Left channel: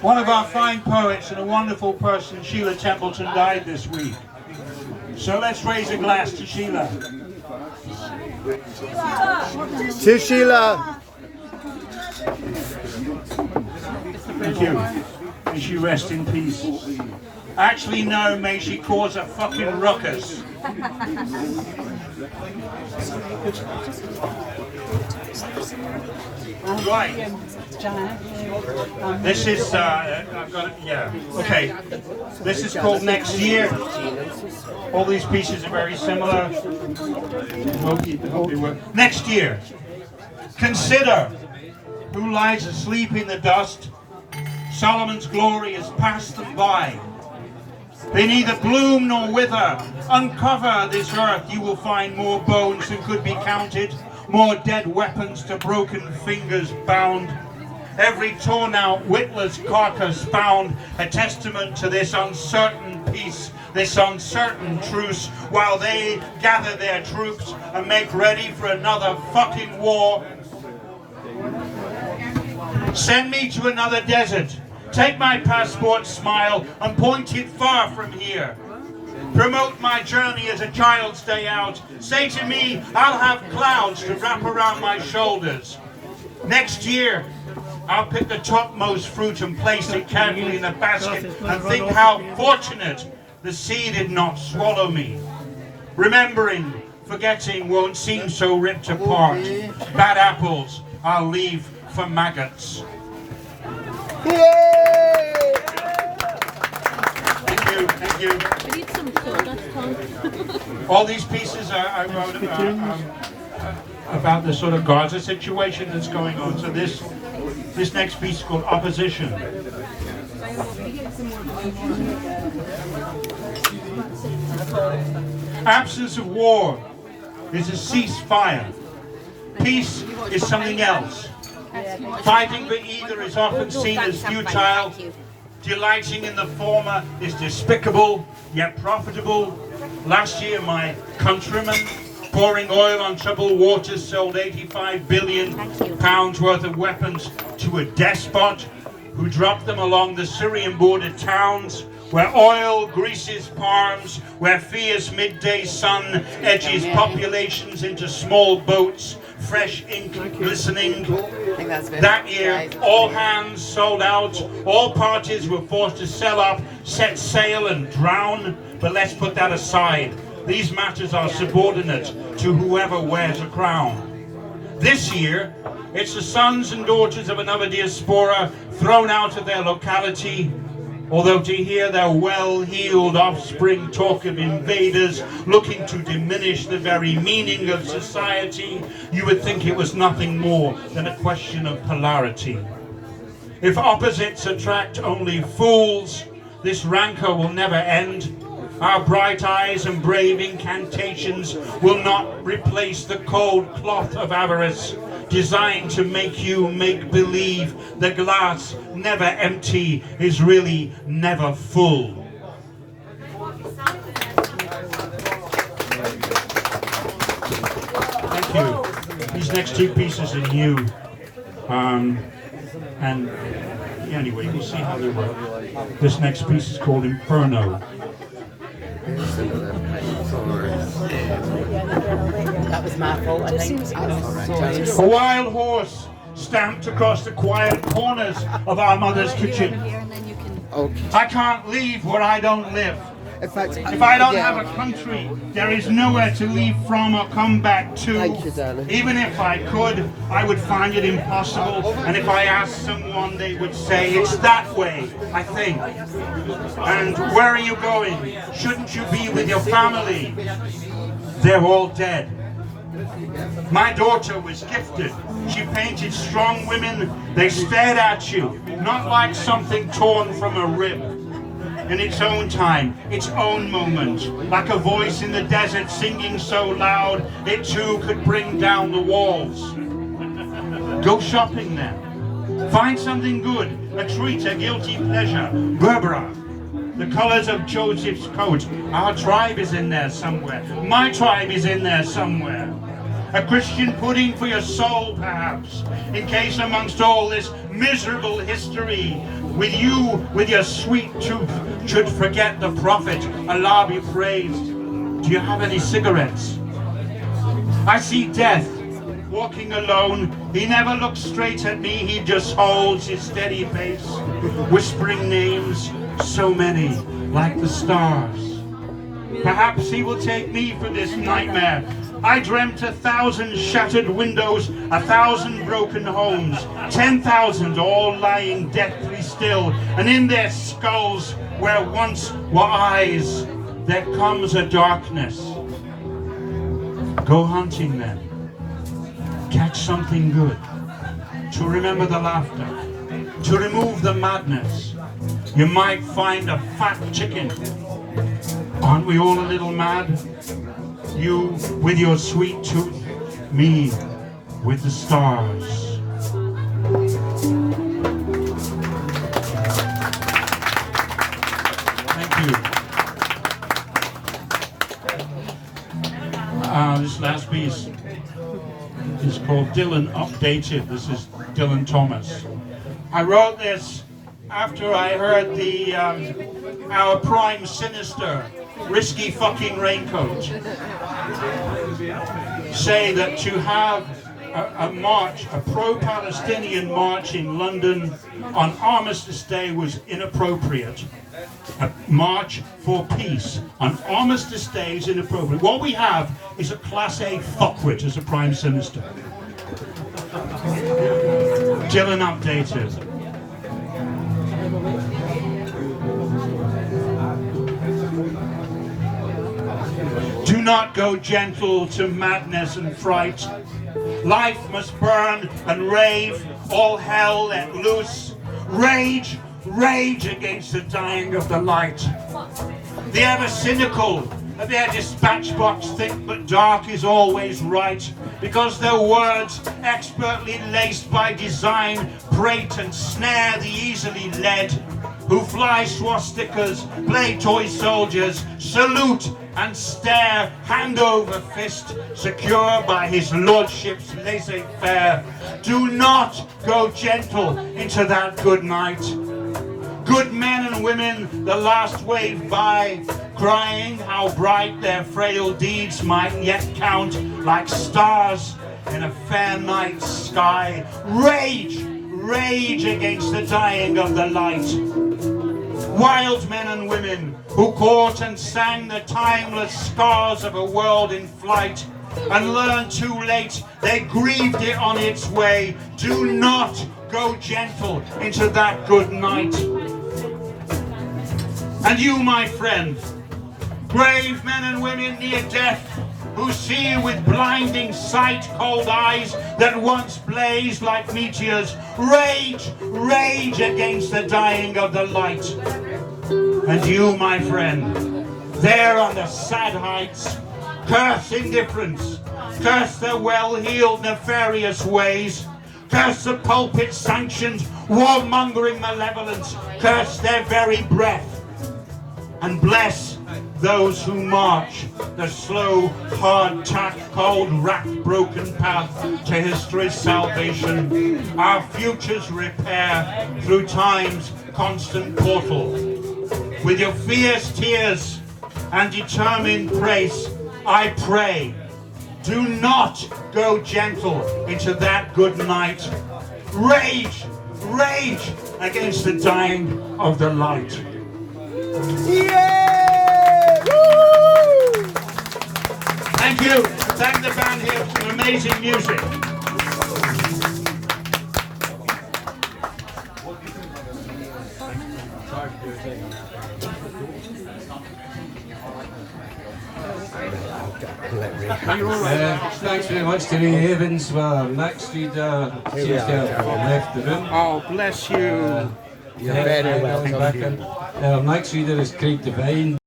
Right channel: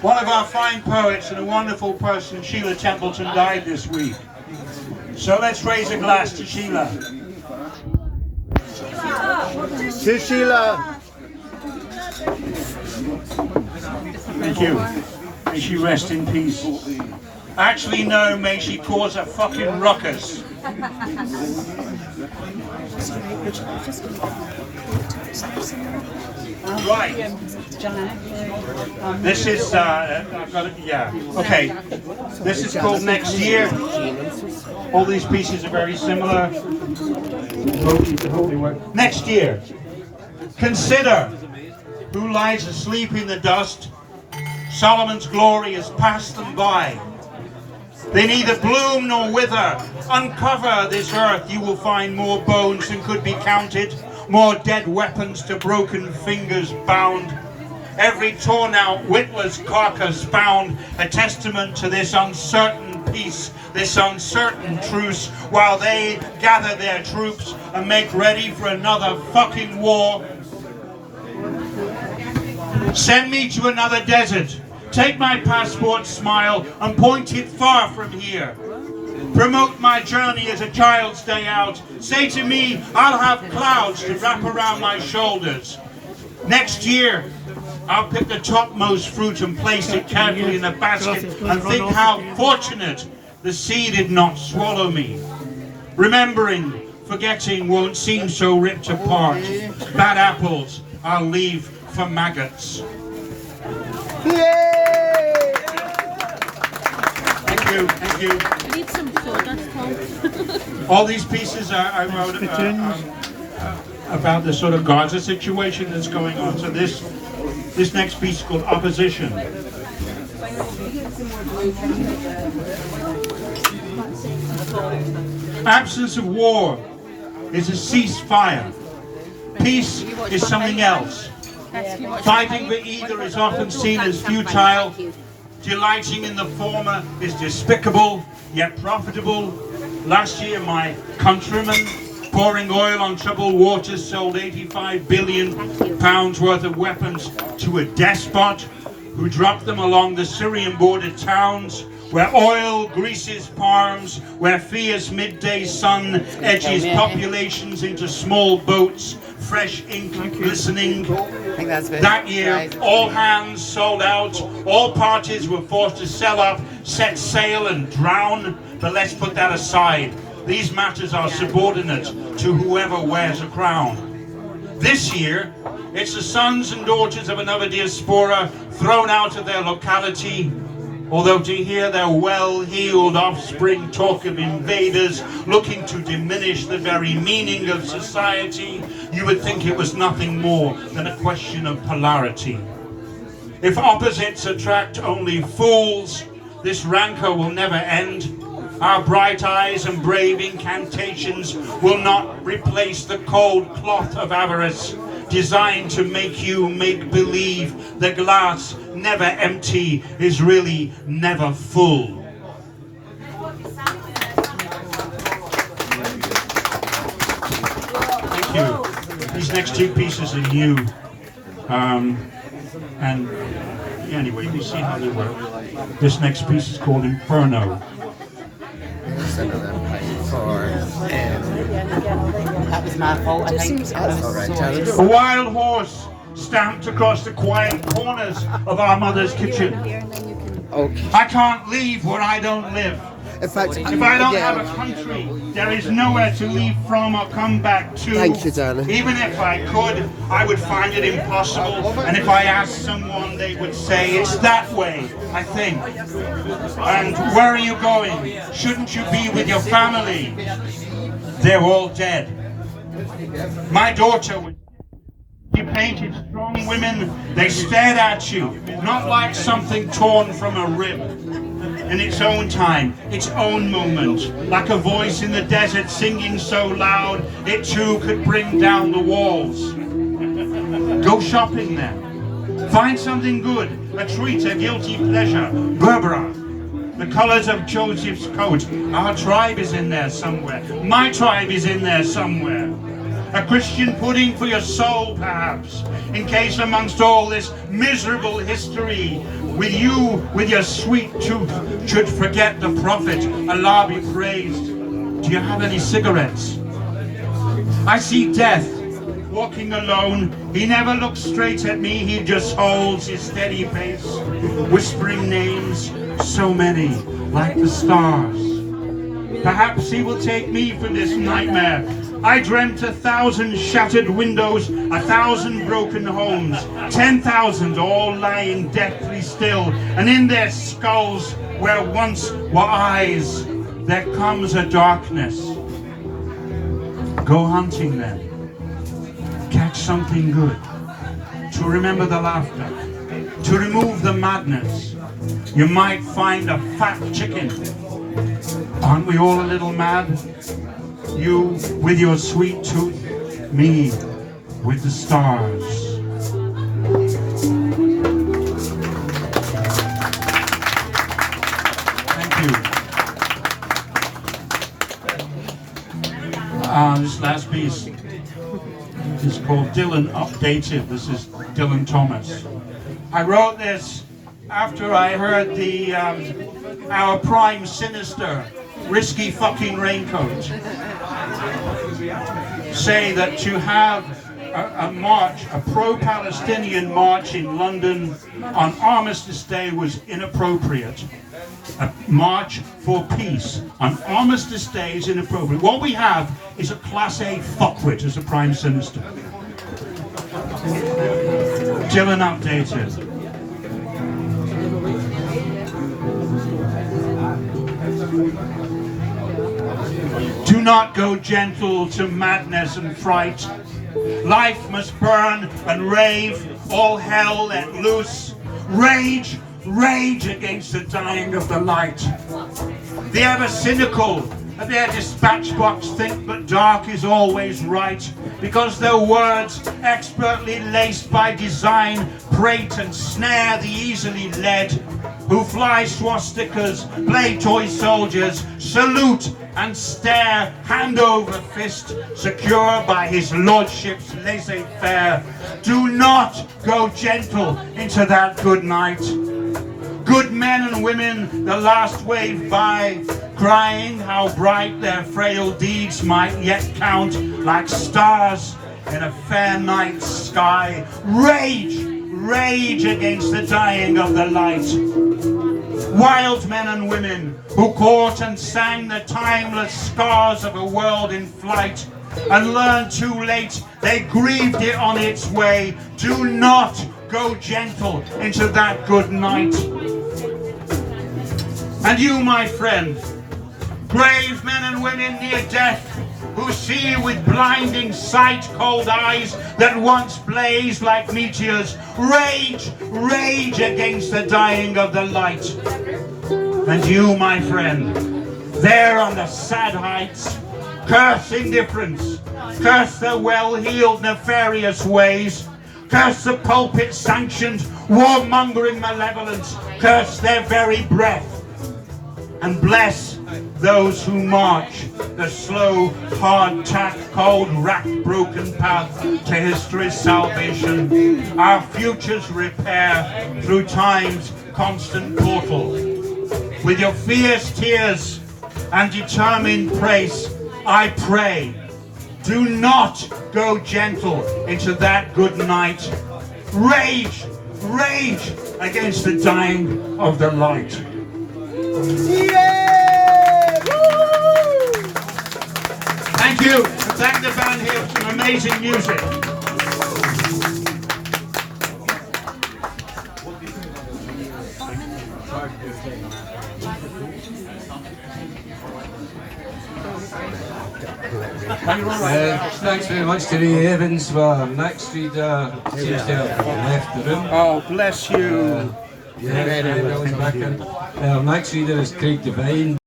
One of our fine poets and a wonderful person, Sheila Templeton, died this week. So let's raise a glass to Sheila. To Sheila. Thank you. May she rest in peace. Actually, no, may she cause a fucking ruckus. Right. This is, I've got it, yeah. Okay. This is called Next Year. All these pieces are very similar. Next year. Consider who lies asleep in the dust. Solomon's glory has passed them by. They neither bloom nor wither. Uncover this earth, you will find more bones than could be counted, more dead weapons to broken fingers bound. Every torn out witless carcass found, a testament to this uncertain peace, this uncertain truce, while they gather their troops and make ready for another fucking war. Send me to another desert. Take my passport smile and point it far from here. Promote my journey as a child's day out. Say to me, I'll have clouds to wrap around my shoulders. Next year, I'll pick the topmost fruit and place it carefully in a basket and think how fortunate the sea did not swallow me. Remembering, forgetting won't seem so ripped apart. Bad apples I'll leave for maggots. Yay! Thank you, thank you. We need some sawdust, Tom. All these pieces I wrote about the sort of Gaza situation that's going on. So this next piece is called Opposition. Absence of war is a ceasefire. Peace is something else. Fighting for either is often seen as futile. Delighting in the former is despicable, yet profitable. Last year, my countrymen, pouring oil on troubled waters, sold 85 billion pounds worth of weapons to a despot who dropped them along the Syrian border towns, where oil greases palms, where fierce midday sun edges populations into small boats, fresh ink glistening. That year, all hands sold out, all parties were forced to sell up, set sail and drown. But let's put that aside. These matters are subordinate to whoever wears a crown. This year, it's the sons and daughters of another diaspora thrown out of their locality. Although to hear their well-heeled offspring talk of invaders looking to diminish the very meaning of society, you would think it was nothing more than a question of polarity. If opposites attract only fools, this rancor will never end. Our bright eyes and brave incantations will not replace the cold cloth of avarice, designed to make you make believe the glass, never empty, is really never full. Thank you. These next two pieces are new. And anyway, you see how they work. This next piece is called Inferno. That was my fault, I think. A wild horse stamped across the quiet corners of our mother's kitchen. Okay. I can't leave where I don't live. In fact, If I don't have a country, there is nowhere to leave from or come back to. Thank you, darling. Even if I could, I would find it impossible. And if I asked someone, they would say, it's that way, I think. And where are you going? Shouldn't you be with your family? They're all dead. My daughter was gifted. She painted strong women. They stared at you, not like something torn from a rib. In its own time, its own moment, like a voice in the desert singing so loud, it too could bring down the walls. Go shopping then. Find something good, a treat, a guilty pleasure. Berbera, the colors of Joseph's coat. Our tribe is in there somewhere. My tribe is in there somewhere. A Christian pudding for your soul, perhaps, in case amongst all this miserable history, with you, with your sweet tooth, should forget the prophet, Allah be praised. Do you have any cigarettes? I see death walking alone. He never looks straight at me, he just holds his steady pace, whispering names, so many, like the stars. Perhaps he will take me for this nightmare. I dreamt 1,000 shattered windows, 1,000 broken homes, 10,000 all lying deathly still, and in their skulls, where once were eyes, there comes a darkness. Go hunting then. Catch something good. To remember the laughter. To remove the madness. You might find a fat chicken. Aren't we all a little mad? You with your sweet tooth, me with the stars. Thank you. This last piece is called Dylan Updated. This is Dylan Thomas. I wrote this after I heard our Prime Sinister, Risky Fucking Raincoat, say that to have a march, a pro-Palestinian march in London on Armistice Day was inappropriate. A march for peace on Armistice Day is inappropriate. What we have is a Class A fuckwit as a Prime Sinister. Dylan Updated. Do not go gentle to madness and fright. Life must burn and rave, all hell let loose. Rage, rage against the dying of the light. The ever cynical at their dispatch box think that dark is always right, because their words, expertly laced by design, prate and snare the easily led, who fly swastikas, play toy soldiers, salute and stare, hand over fist, secure by his lordship's laissez-faire. Do not go gentle into that good night. Good men and women, the last wave by, crying how bright their frail deeds might yet count like stars in a fair night sky. Rage, rage against the dying of the light. Wild men and women who caught and sang the timeless scars of a world in flight and learned too late they grieved it on its way. Do not go gentle into that good night. And you, my friend, brave men and women near death, who see with blinding sight cold eyes that once blazed like meteors, rage, rage against the dying of the light. And you, my friend, there on the sad heights, curse indifference, curse their well-heeled nefarious ways, curse the pulpit-sanctioned warmongering malevolence, curse their very breath, and bless those who march the slow, hard-tack, cold-racked, broken path to history's salvation, our future's repair through time's constant portal. With your fierce tears and determined praise, I pray, do not go gentle into that good night. Rage, rage against the dying of the light. Thank you. Thank the band here for some amazing music. Thanks very much to Ray Evans. Next reader seems to have left the room. Oh, bless you. Next reader is Craig Devine.